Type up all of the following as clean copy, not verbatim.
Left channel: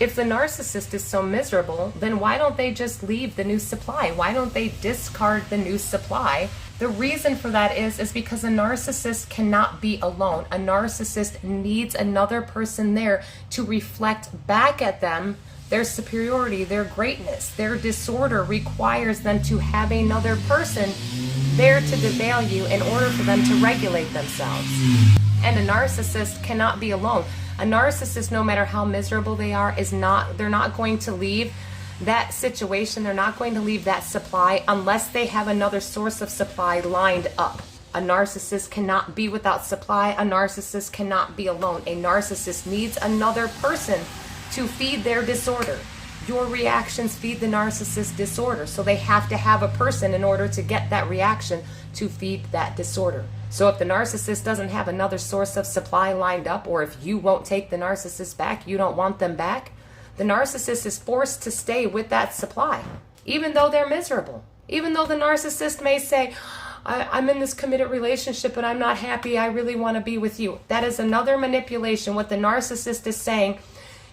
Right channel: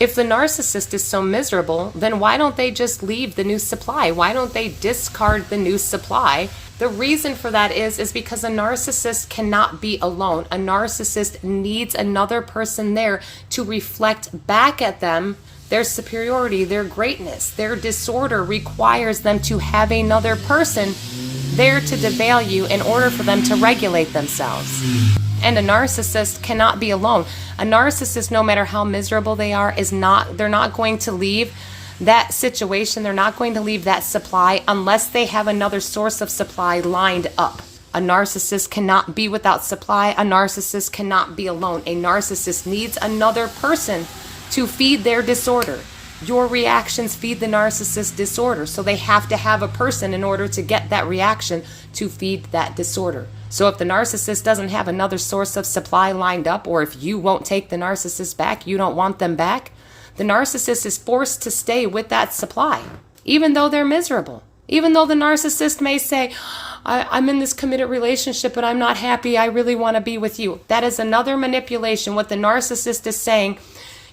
If the narcissist is so miserable, then why don't they just leave the new supply? Why don't they discard the new supply? The reason for that is because a narcissist cannot be alone. A narcissist needs another person there to reflect back at them their superiority, their greatness. Their disorder requires them to have another person there to devalue in order for them to regulate themselves. And a narcissist cannot be alone. A narcissist, no matter how miserable they are, they're not going to leave that situation. They're not going to leave that supply unless they have another source of supply lined up. A narcissist cannot be without supply. A narcissist cannot be alone. A narcissist needs another person to feed their disorder. Your reactions feed the narcissist disorder, so they have to have a person in order to get that reaction to feed that disorder. So if the narcissist doesn't have another source of supply lined up, or if you won't take the narcissist back, you don't want them back, the narcissist is forced to stay with that supply, even though they're miserable. Even though the narcissist may say, I'm in this committed relationship, but I'm not happy, I really want to be with you. That is another manipulation. What the narcissist is saying,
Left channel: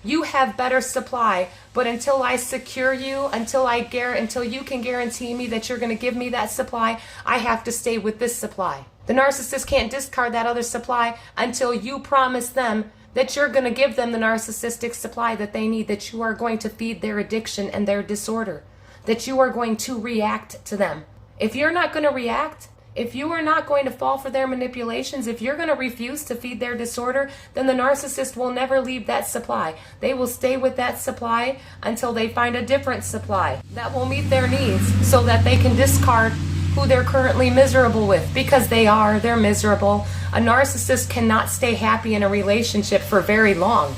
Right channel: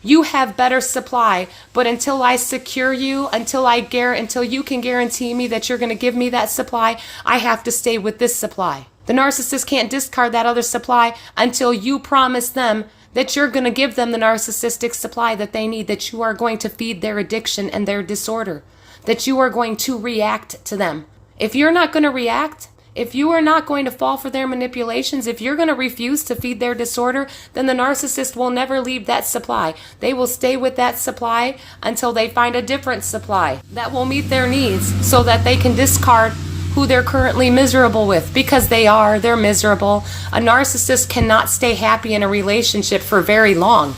you have better supply, but until I secure you, until you can guarantee me that you're going to give me that supply, I have to stay with this supply. The narcissist can't discard that other supply until you promise them that you're going to give them the narcissistic supply that they need, that you are going to feed their addiction and their disorder, that you are going to react to them. If you're not going to react, if you are not going to fall for their manipulations, if you're going to refuse to feed their disorder, then the narcissist will never leave that supply. They will stay with that supply until they find a different supply that will meet their needs so that they can discard who they're currently miserable with, because they're miserable. A narcissist cannot stay happy in a relationship for very long.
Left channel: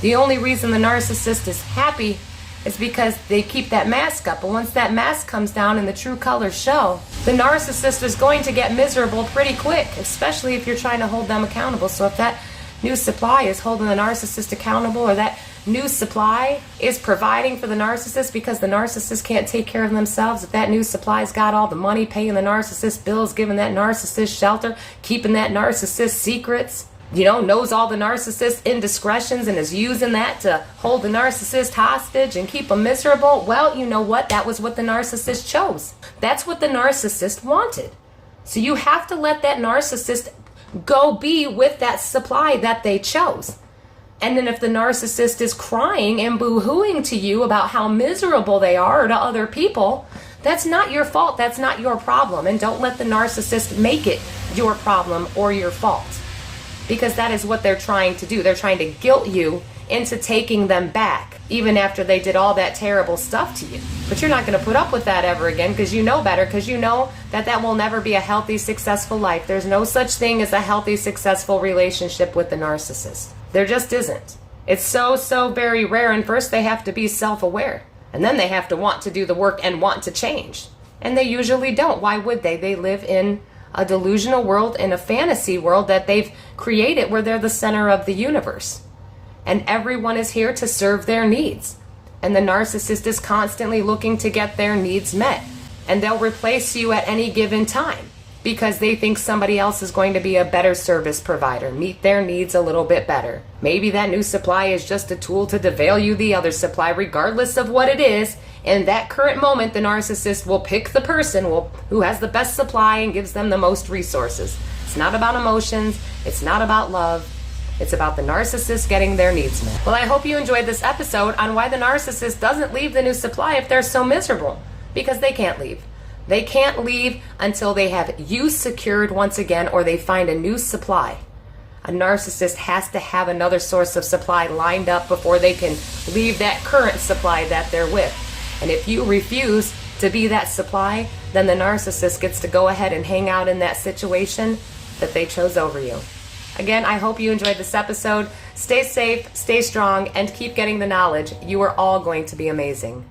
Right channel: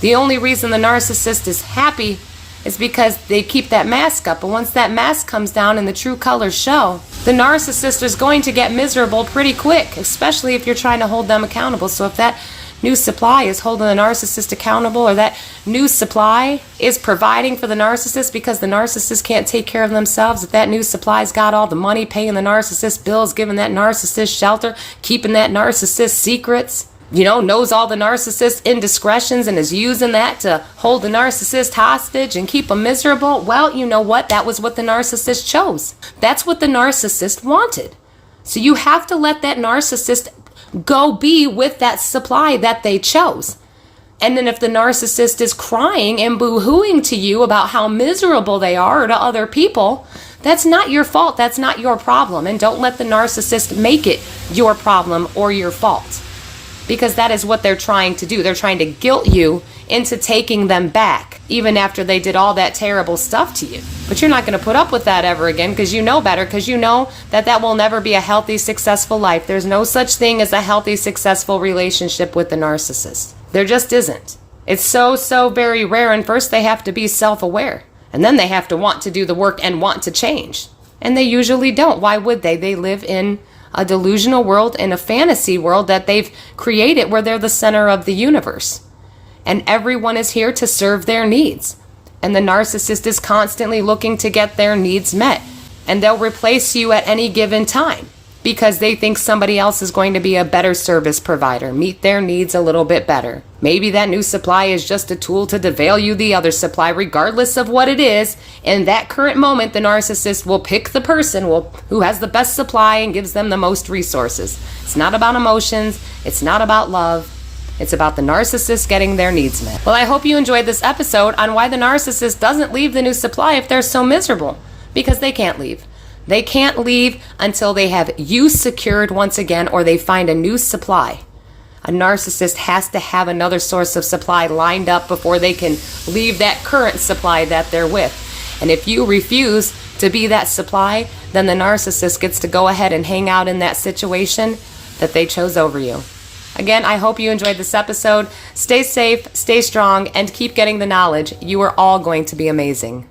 The only reason the narcissist is happy is because they keep that mask up. But once that mask comes down and the true colors show, the narcissist is going to get miserable pretty quick, especially if you're trying to hold them accountable. So if that new supply is holding the narcissist accountable, or that new supply is providing for the narcissist because the narcissist can't take care of themselves, if that new supply's got all the money, paying the narcissist bills, giving that narcissist shelter, keeping that narcissist secrets, knows all the narcissist indiscretions and is using that to hold the narcissist hostage and keep them miserable, well, you know what? That was what the narcissist chose. That's what the narcissist wanted. So you have to let that narcissist go be with that supply that they chose. And then if the narcissist is crying and boo-hooing to you about how miserable they are, or to other people, that's not your fault. That's not your problem. And don't let the narcissist make it your problem or your fault, because that is what they're trying to do. They're trying to guilt you into taking them back, even after they did all that terrible stuff to you. But you're not going to put up with that ever again, because you know better, because you know that will never be a healthy, successful life. There's no such thing as a healthy, successful relationship with the narcissist. There just isn't. It's so very rare, and first they have to be self-aware, and then they have to want to do the work and want to change. And they usually don't. Why would they? They live in a delusional world, in a fantasy world that they've created, where they're the center of the universe. And everyone is here to serve their needs. And the narcissist is constantly looking to get their needs met. And they'll replace you at any given time because they think somebody else is going to be a better service provider, meet their needs a little bit better. Maybe that new supply is just a tool to devalue the other supply, regardless of what it is. In that current moment, the narcissist will pick the person who has the best supply and gives them the most resources. It's not about emotions. It's not about love. It's about the narcissist getting their needs met. Well, I hope you enjoyed this episode on why the narcissist doesn't leave the new supply if they're so miserable. Because they can't leave. They can't leave until they have you secured once again, or they find a new supply. A narcissist has to have another source of supply lined up before they can leave that current supply that they're with. And if you refuse to be that supply, then the narcissist gets to go ahead and hang out in that situation that they chose over you. Again, I hope you enjoyed this episode. Stay safe, stay strong, and keep getting the knowledge. You are all going to be amazing.